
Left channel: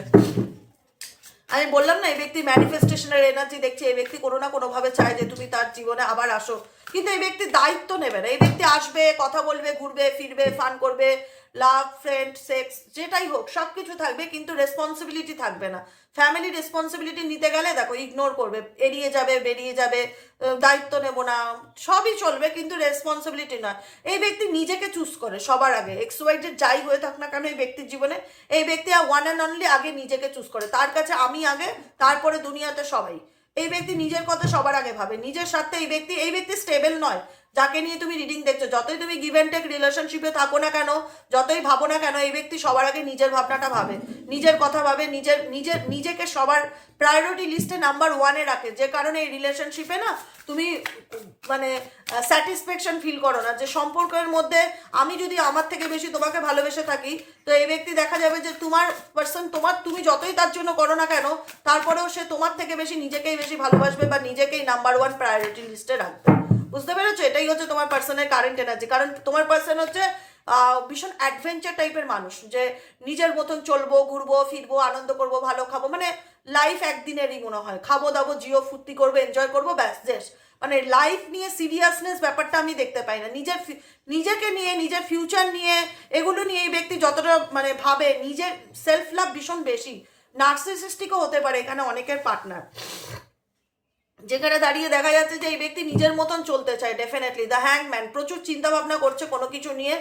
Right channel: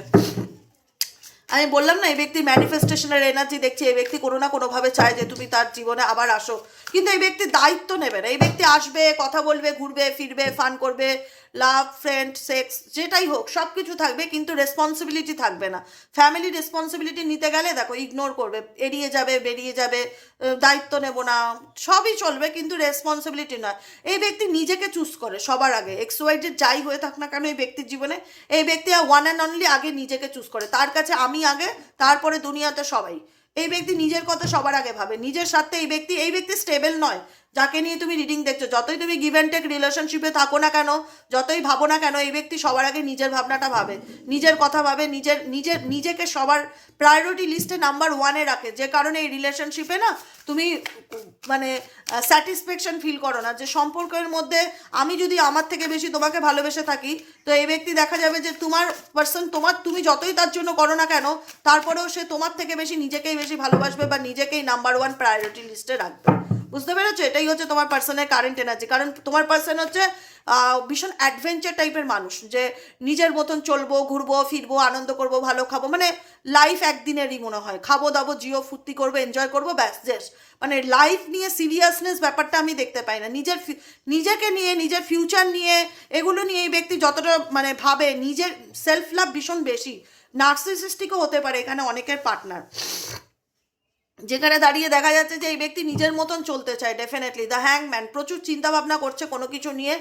আমি বললাম না এই ব্যক্তি ম্যানিফেস্টেশনের এনার্জি দেখছি, এই ব্যক্তি কোনো না কোনোভাবে চায় যে তুমি তার জীবনে আবার আসো, কিন্তু এই ব্যক্তি দায়িত্ব নেবে না। এই ব্যক্তি আসবে, কথা বলবে, ঘুরবে ফিরবে, ফান করবে, লাভ, ফ্রেন্ড, সেক্স যেটাই হোক সব কিছু থাকবে, কিন্তু রেসপন্সিবিলিটি থাকবে না। ফ্যামিলি রেসপন্সিবিলিটি নিতে গেলে দেখো ইগনোর করবে, এড়িয়ে যাবে, বেরিয়ে যাবে, দায়িত্ব নেব না, সবই চলবে কিন্তু রেসপন্সিবিলিটি নয়। এই ব্যক্তি নিজেকে চুজ করে সবার আগে, এক্সওয়াইজেড যাই হয়ে থাক না কেন এই ব্যক্তির জীবনে, এই ব্যক্তি ওয়ান অ্যান্ড অনলি আগে নিজেকে চুজ করে। তার কাছে আমি আগে, তারপরে দুনিয়াতে সবাই। এই ব্যক্তি নিজের কথা সবার আগে ভাবে, নিজের স্বার্থে। এই ব্যক্তি স্টেবল নয়। যাকে নিয়ে তুমি রিডিং দেখছো, যতই তুমি গিভ অ্যান্ড টেক রিলেশনশিপে থাকো না কেন, যতই ভাবো না কেন, এই ব্যক্তি সবার আগে নিজের ভাবনাটা ভাবে, নিজের কথা ভাবে, নিজেকে সবার প্রায়োরিটি লিস্টে নাম্বার ওয়ানে রাখে। যে কারণে এই রিলেশনশিপে না তুমি মানে স্যাটিসফ্যাকশন ফিল করো না, যে সম্পর্কের মধ্যে আমি যদি আমার থেকে বেশি তোমাকে ভালোবেসে থাকি, তো এই ব্যক্তি দেখা যাবে যে তোমার পার্সন তুমি যতই তার জন্য করো না কেন, তারপরেও সে তোমার থেকে বেশি নিজেকেই বেশি ভালোবাসবে বা নিজেকেই নাম্বার ওয়ান প্রায়োরিটি লিস্টে রাখবে। বুঝতে পেরেছো? এটাই হচ্ছে তোমার পার্সনের কারেন্ট এনার্জি। কারণ তোমার পার্সন হচ্ছে ভীষণ অ্যাডভেঞ্চার টাইপের মানুষ, যে নিজের মতন চলবো, ঘুরবো ফিরবো, আনন্দ করবো, ভালো খাবো, মানে লাইফ একদিনেরই মনে হয়, খাবো দাবো জিও ফুর্তি করবো, এনজয় করবো, ব্যাস শেষ। মানে লাইফ নিয়ে সিরিয়াসনেস ব্যাপারটা আমি দেখতে পাই না। নিজেকে নিয়ে, নিজের ফিউচার নিয়ে, এগুলো নিয়ে এই ব্যক্তি যতটা মানে ভাবে, নিজের সেলফ লাভ ভীষণ বেশি। নার্সিসিস্টিকও হতে পারে এখানে অনেকের পার্টনার, যেখানে দাঁড়িয়ে দেখা যাচ্ছে যে এই ব্যক্তি নিজের মতন চলতে চায়। ডেফিনেটলি দ্য হ্যাংম্যান প্রচুর চিন্তা ভাবনা করছে কোনো কিছু নিয়ে।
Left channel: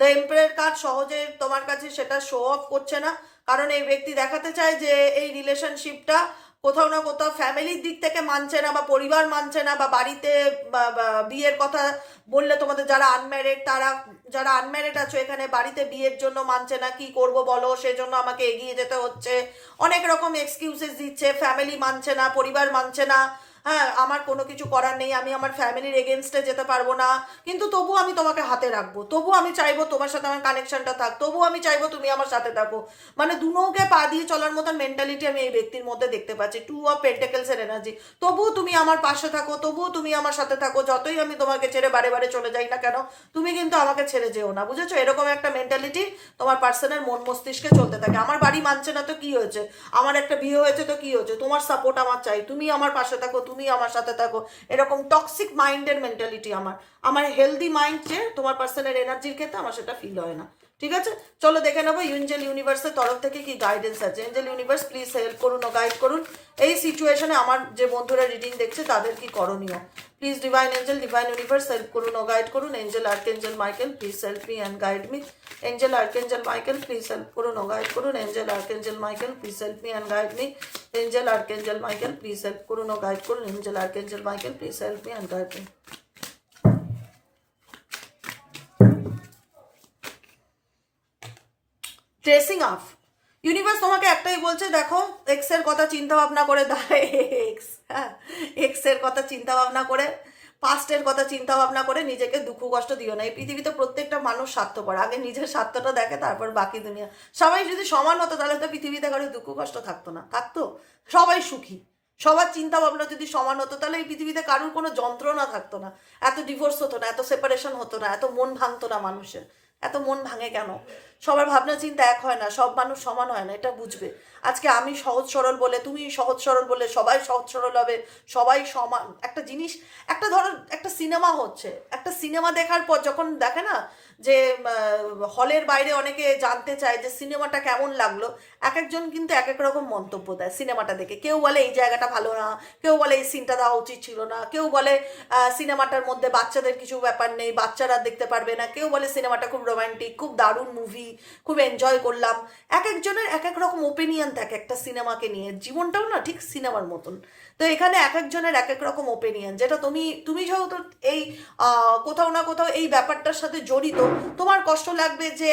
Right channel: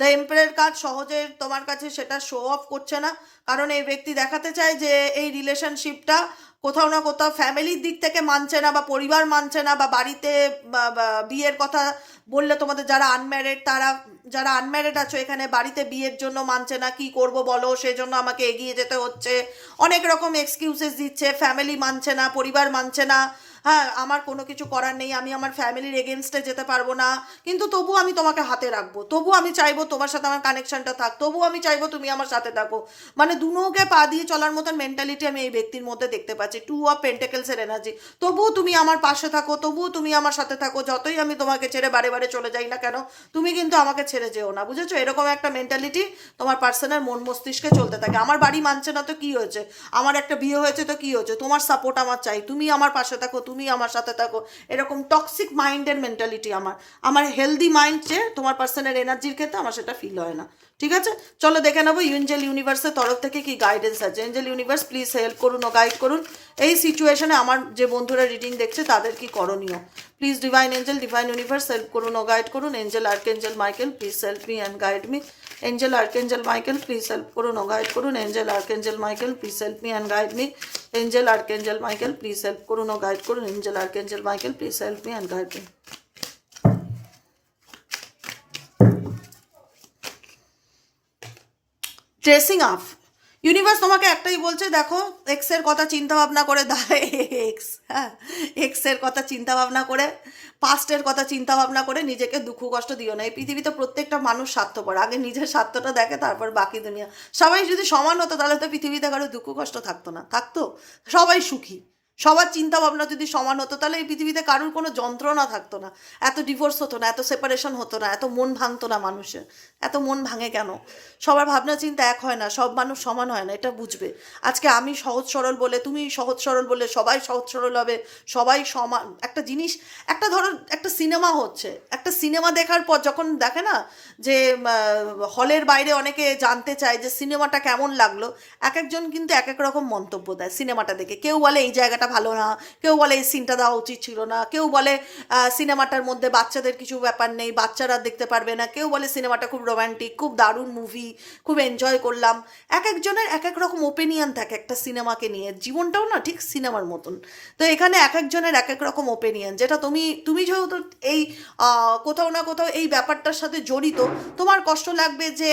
দ্য এম্পায়ার কার্ড সহজে তোমার কাছে সেটা শো অফ করছে না, কারণ এই ব্যক্তি দেখাতে চায় যে এই রিলেশনশিপটা কোথাও না কোথাও ফ্যামিলির দিক থেকে মানছে না, বা পরিবার মানছে না, বা বাড়িতে বিয়ের কথা বললে তোমাদের যারা আনম্যারিড, তারা যারা আনম্যারিড আছো এখানে, বাড়িতে বিয়ের জন্য মানছে না, কি করব বলো, সেজন্য আমাকে এগিয়ে যেতে হচ্ছে, অনেক রকম এক্সকিউজেস দিচ্ছে, ফ্যামিলি মানছে না, পরিবার মানছে না, হ্যাঁ আমার কোনো কিছু করার নেই, আমি আমার ফ্যামিলির এগেনস্টে যেতে পারবো না, কিন্তু তবু আমি তোমাকে হাতে রাখবো, তবু আমি চাইবো তোমার সাথে আমার কানেকশনটা থাক, তবু আমি চাইবো তুমি আমার সাথে থাকো। মানে দু নৌকে পা দিয়ে চলার মতন মেন্টালিটি আমি এই ব্যক্তির মধ্যে দেখতে পাচ্ছি, 2 অফ পেন্টাকেলসের এনার্জি। তবুও তুমি আমার পাশে থাকো, তবুও তুমি আমার সাথে থাকো, যতই আমি তোমাকে ছেড়ে বারে বারে চলে যাই না কেন, তুমি কিন্তু আমাকে ছেড়ে যেও না, বুঝেছো? এরকম একটা মেন্টালিটি তোমার পার্সনের মন মস্তিষ্কে চলতে থাকে। আমার বাড়ি মানছে না তো কি হয়েছে, আমার একটা বিয়ে হয়েছে তো কি হয়েছে, তোমার সাপোর্ট আমার চাই, তুমি আমার পাশে থাকো, তুমি আমার সাথে থাকো, এরকম টক্সিক মাইন্ডের মেন্টালিটি আমার। আমার হেলদি মাইন্ড যে তোমার পার্সনের এনার্জির ক্ষেত্রে আমার সেটা ফিল হয় না। ঠিক আছে, চলো দেখে নেবো এঞ্জেল ইউনিভার্সের তরফ থেকে কি গাইডেন্স আছে। এঞ্জেল ইউনিভার্স প্লিজ হেল্প করুন ও গাইড করুন এই সিচুয়েশনে আমার যে বন্ধুরা রিডিং দেখছে তাদের কি করণীয়। Please divine angel, divine universe help করুন ও গাইড করুন। Angel archangel Michael please help me and guide me. Angel archangel Michael please help করুন ও গাইড করুন। Angel archangel Michael please help me and guide me. Angel archangel Michael please help করুন ও guide করুন। Angel archangel Michael please help me and guide me. Dressing up universe তোমাকে একটাই বলছে, দেখো এক্স এর কথা চিন্তা ভাবনা করে এক্স, হ্যাঁ এক্স এর কথা চিন্তা ভাবনা করে, পাস্টের কথা চিন্তা ভাবনা করে নিজেকে দুঃখ কষ্ট দিও না। এই পৃথিবীতে প্রত্যেকটা মানুষ স্বার্থপর, আগে নিজের স্বার্থটা দেখে তারপর বাকি দুনিয়া। সবাই যদি সমান হতো তাহলে তো পৃথিবীতে কারো দুঃখ কষ্ট থাকতো না, থাকতো সবাই সুখী। সবার চিন্তা ভাবনা যদি সমান হতো তাহলে এই পৃথিবীতে কারোর কোনো যন্ত্রণা থাকতো না, এত ডিভোর্স হতো না, এত সেপারেশন হতো না, এত মন ভাঙতো না মানুষের। এত মন ভাঙে কেন? সবার ভাবনা চিন্তা এক হয় না, সব মানুষ সমান হয় না, এটা বুঝবে। আজকে আমি সহজ সরল বলে, তুমি সহজ সরল বলে সবাই সহজ সরল হবে, সবাই সমান। একটা জিনিস, একটা ধরো একটা সিনেমা হচ্ছে, একটা সিনেমা দেখার পর যখন দেখে না যে হলের বাইরে অনেকে জানতে চায় যে সিনেমাটা কেমন লাগলো, এক একজন কিন্তু এক এক রকম মন্তব্য দেয় সিনেমাটা দেখে। কেউ বলে এই জায়গাটা ভালো না, কেউ বলে এই সিনটা দেওয়া উচিত ছিল না, কেউ বলে সিনেমাটার মধ্যে বাচ্চাদের কিছু ব্যাপার নেই, বাচ্চারা দেখতে পারবে না, কেউ বলে সিনেমাটা খুব রোম্যান্টিক, খুব দারুণ মুভি, খুব এনজয় করলাম। এক একজনের এক এক রকম ওপিনিয়ন থাকে একটা সিনেমাকে নিয়ে। জীবনটাও না ঠিক সিনেমার মতন। তো এখানে এক একজনের এক এক রকম ওপিনিয়ন, যেটা তুমি তুমি যেহেতু এই কোথাও না কোথাও এই ব্যাপারটার সাথে জড়িত, তোমার কষ্ট লাগবে যে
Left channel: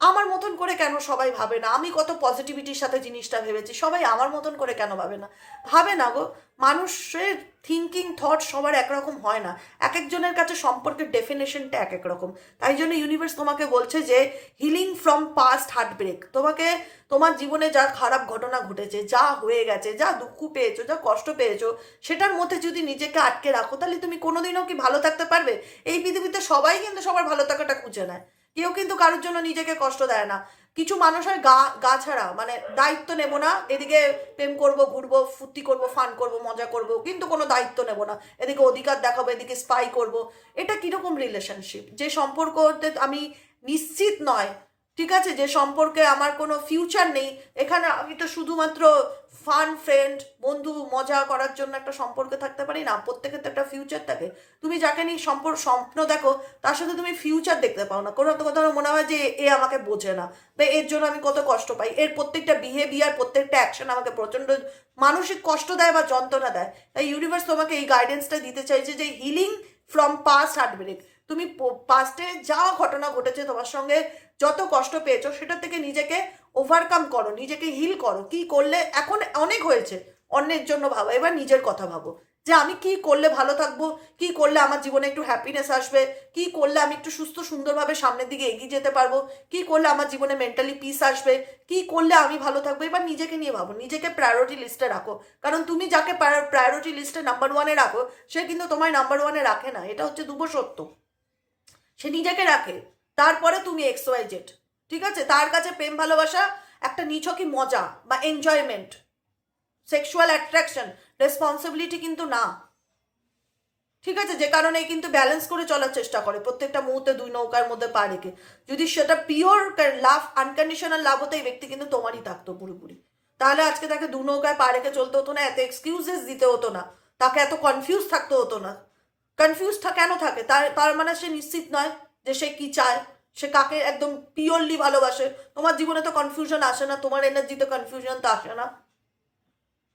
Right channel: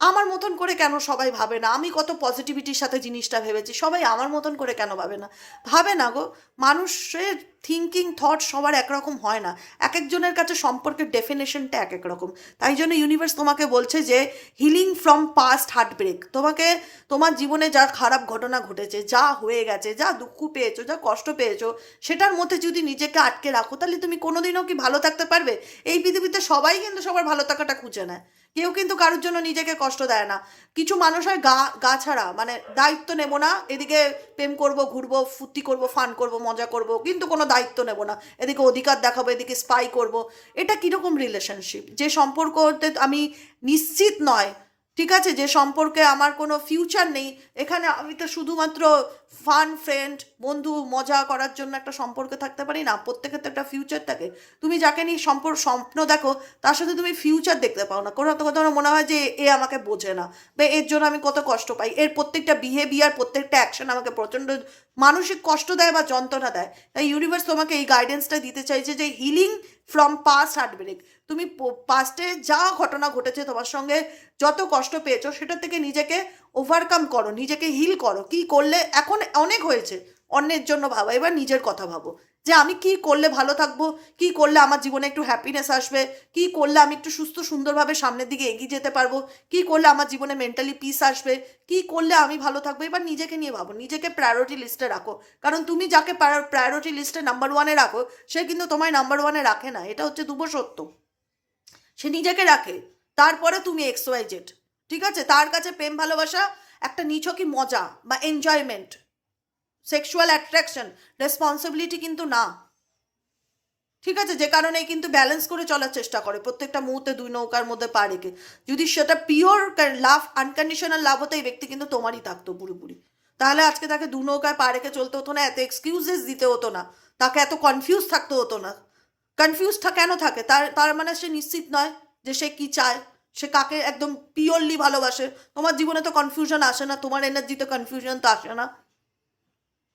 আমার মতন করে কেন সবাই ভাবে না, আমি কত পজিটিভিটির সাথে জিনিসটা ভেবেছি, সবাই আমার মতন করে কেন ভাবে না। ভাবে না গো, মানুষের থিঙ্কিং থট সবার একরকম হয় না, এক একজনের কাছে সম্পর্কের ডেফিনেশনটা এক এক রকম। তাই জন্য ইউনিভার্স তোমাকে বলছে যে হিলিং ফ্রম পাস্ট হার্টব্রেক। তোমাকে তোমার জীবনে যা খারাপ ঘটনা ঘটেছে, যা হয়ে গেছে, যা দুঃখ পেয়েছো, যা কষ্ট পেয়েছো, সেটার মধ্যে যদি নিজেকে আটকে রাখো তাহলে তুমি কোনোদিনও কি ভালো থাকতে পারবে? এই পৃথিবীতে সবাই কিন্তু সবার ভালো থাকাটা খুঁজে নেয়, কেউ কিন্তু কারোর জন্য নিজেকে কষ্ট দেয় না। কিছু মানুষ হয় গা গা ছাড়া, মানে দায়িত্ব নেব না, এদিকে প্রেম করব, ঘুরবো, ফুর্তি করব, ফান করব, মজা করব, কিন্তু কোনো দায়িত্ব নেব না, এদিকে অধিকার দেখাবো, এদিকে স্পাই করব। এটা কীরকম রিলেশনশিপ? যে সম্পর্কতে আমি নিশ্চিত নয়, ঠিক আছে, যে সম্পর্কে আমার কোনো ফিউচার নেই, এখানে আমি তো শুধুমাত্র ফান ফ্রেন্ড, বন্ধু, মজা করার জন্য একটা সম্পর্কে থাকতে পারি না। প্রত্যেকের তো একটা ফিউচার থাকে। তুমি যাকে নিয়ে স্বপ্ন দেখো তার সাথে তুমি ফিউচার দেখতে পাও না। কোনো কথা মনে হয় যে এ আমাকে বোঝে না, বা এর জন্য আমি কত কষ্ট পাই, এর প্রত্যেকটা বিহেভিয়ার, প্রত্যেকটা অ্যাকশন আমাকে প্রচণ্ড মানসিক কষ্ট দেয় বা যন্ত্রণা দেয়। তাই ইউনিভার্স তোমাকে এই গাইডেন্সটা দিতে চাইছে যে হিলিং ফ্রম পাস্ট হার্টব্রেক। তুমি পাস্টে যা ঘটনা ঘটেছে তোমার সঙ্গে, যত কষ্ট পেয়েছো, সেটা থেকে নিজেকে ওভারকাম করো, নিজেকে হিল করো। কি করলে, এখন অনেক হয়েছে, অন্যের জন্য ভাবো, এবার নিজের কথা ভাবো যে আমি কি করলে ভালো থাকবো, কি করলে আমার জীবনে একটু হ্যাপিনেস আসবে, কি করলে আমি একটু সুস্থ সুন্দরভাবে সামনের দিকে এগিয়ে যেতে পারবো, কি করলে আমার জীবনে মেন্টালি পিস আসবে, কি করলে আমি ভালো থাকবো। এবার নিজেকে নিয়ে ভাবো, নিজেকে প্রায়োরিটি লিস্টে রাখো। কারণ তুমি যাকে প্রায়োরিটি লিস্টে নাম্বার 1-এ রাখো, সে কিন্তু তোমায় নাম্বার 1-এ রাখে না, এটা হচ্ছে দুঃখ সত্য। সে নিজেকে রাখে, তারপরে তুমি XYZ। ঠিক আছে, তার কাছে প্রেম ভালোবাসা একটা নিছকই মজা বা এনজয়মেন্ট, সেক্সুয়াল অ্যাট্রাকশন, রেসপন্সিবিলিটি কিন্তু না। ঠিক আছে, যে কারণে কিন্তু ব্যালেন্স করে চলার চেষ্টা করে প্রত্যেকটা মুহূর্তে, দুই নৌকার মধ্যে পা রেখে। যদি সেটা পিওর লাভ, আনকন্ডিশনাল লাভ হতো, এই ব্যক্তি কিন্তু তোমারই থাকতো পুরোপুরি। তাহলে আজকে তাকে দু নৌকায় পা রেখে চলতে হতো না, এত এক্সকিউজেস দিতে হতো না, তাকে এত কনফিউজ থাকতে হতো না। কনফিউজটা কেন থাকে? তার মানে সে নিশ্চিত নয় যে সে কি চায়, সে কাকে একদম পিওরলি ভালোবাসে। তোমার জীবনে তো কনফিউশন আসে না, তোমার এনার্জিতে কনফিউশন তো আসে না।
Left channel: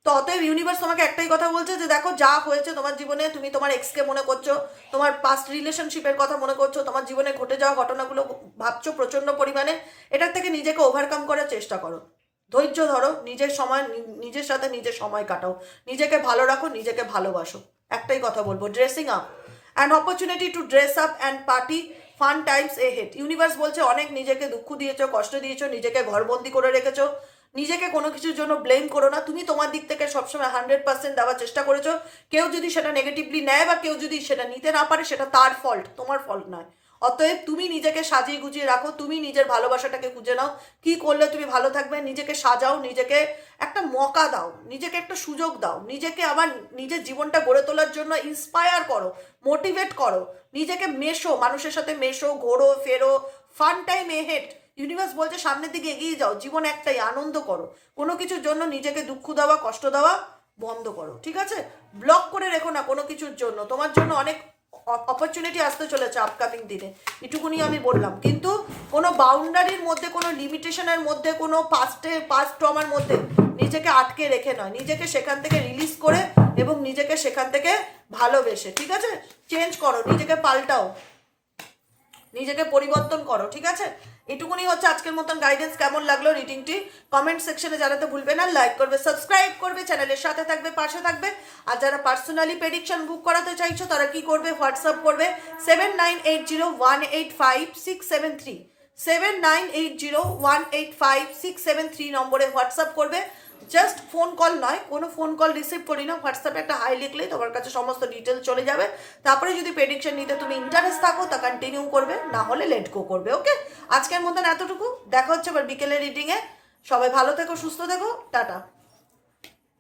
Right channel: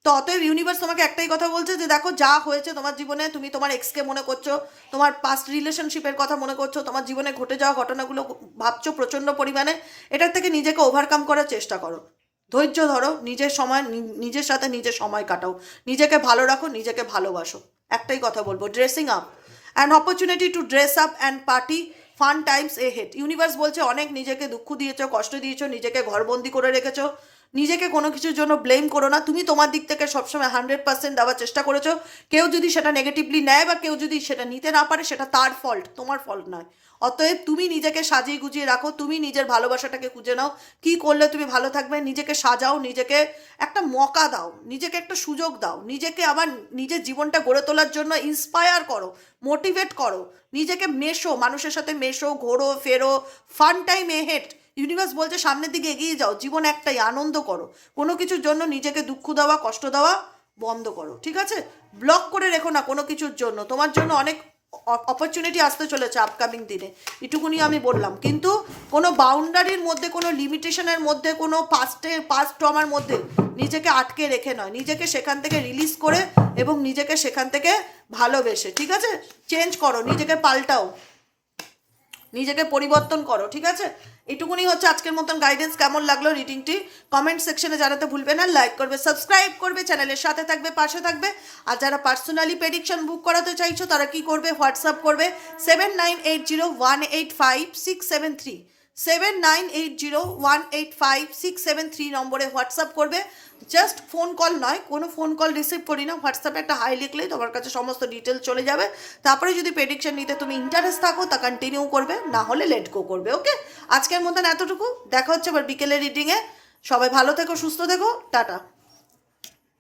তো অতএব ইউনিভার্স তোমাকে একটাই কথা বলছে যে দেখো যা হয়েছে তোমার জীবনে, তুমি তোমার এক্সকে মনে করছো, তোমার পাস্ট রিলেশনশিপের কথা মনে করছো, তোমার জীবনে ঘটে যাওয়া ঘটনাগুলো ভাবছো প্রচণ্ড পরিমাণে, এটার থেকে নিজেকে ওভারকাম করার চেষ্টা করো, ধৈর্য ধরো, নিজের সময় নিজের সাথে নিজের সময় কাটাও, নিজেকে ভালো রাখো, নিজেকে ভালোবাসো। একটাই কথা বলবো, dressing up, an opportunity to dress up and party, fun Times A head. Universe বলছে অনেক নিজেকে দুঃখ দিয়েছো, কষ্ট দিয়েছো, নিজেকে ঘরবন্দি করে রেখেছো, নিজেকে কোনো কিছুর জন্য ব্লেম করো না। তুমি তোমার দিক থেকে সবসময় 100% দেওয়ার চেষ্টা করেছো। কেউ যদি সেটা নেগেটিভলি নেয় বা কেউ যদি সেটা নিতে না পারে, সেটা তার ফল্ট, তোমার ফল্ট নয়। অতএব তুমি নিজেকে সাজিয়ে গুজিয়ে রাখো, তুমি নিজের ভালোবাসাটাকে খুঁজে নাও, কি করলে তুমি ভালো থাকবে, নিজেকে সাজাও, নিজেকে একটা মকা দাও, নিজেকে একটা সুযোগ দাও, নিজেকে আবার নিজের জীবনটা গড়ে তোলার জন্য ইন্সপায়ার করো, মোটিভেট করো, নিজেকে মেশো, মানুষের সাথে মেশো, ঘোরো ফেরো, ফান টাইম এহেড। ইউনিভার্স বলছে সামনের দিকে এগিয়ে যাও, জীবন একটাই, আনন্দ করো, কোনো কিছুর জন্য নিজেকে দুঃখ দেওয়া, কষ্ট দেওয়া বন্ধ করো, ঠিক আছে? ব্লক করে রেখো না কোনো কিছুর জন্য, তোমার জন্য অনেক অপরচুনিটি আসতে চলেছে আপকামিং দিনে, এটুকুনি আমি বললাম। কিন্তু কোনো বাউন্ডারির মধ্যে, কোনো লিমিটেশনের মধ্যে, কোনো পাস্ট ট্রমার মধ্যে নিজেকে আটকে রেখে নয়, নিজেকে সেখান থেকে রিলিজ করে এবং নিজেকে সেখান থেকে ভালোবেসে, ঠিক আছে, চেঞ্জ করো, নিজেকে পাল্টাও, নিজেকে পরিবর্তন করো, ঠিক আছে? এটুকুনি হচ্ছে আজকের মতন গাইডেন্স। কেমন লাগলো রিডিংটি কমেন্ট সেকশনে জানাতে ভুলবে না, লাইক করবে, সাবস্ক্রাইব করবে, চ্যানেলের সাথে থাকবে, পাশে থাকবে। আর যারা পার্সোনালি প্রেডিকশন বুক করাতে চাইছো তারা কি করবে, হোয়াটসঅ্যাপ করবে 7980185673, 7980185673 নম্বরে হোয়াটসঅ্যাপ করবে। জাস্ট ফোন কল নয়, কোনো ফোন কল রিসিভ করি না, হোয়াটসঅ্যাপে একটা হাই লিখলেই তোমার কাছে সমস্ত ডিটেলস চলে যাবে। তারপরে যদি প্রেডিকশন নিতে তুমি ইন্টারেস্ট থাকো তা কন্টিনিউ করবে, না হলে লেট গো করবে। ওকে, আজকের মতন এতটুকু, দেখা হচ্ছে আবার বিকেলের রিডিংয়ে। সবাই ভালো থেকো, সুস্থ থেকো, টাটা।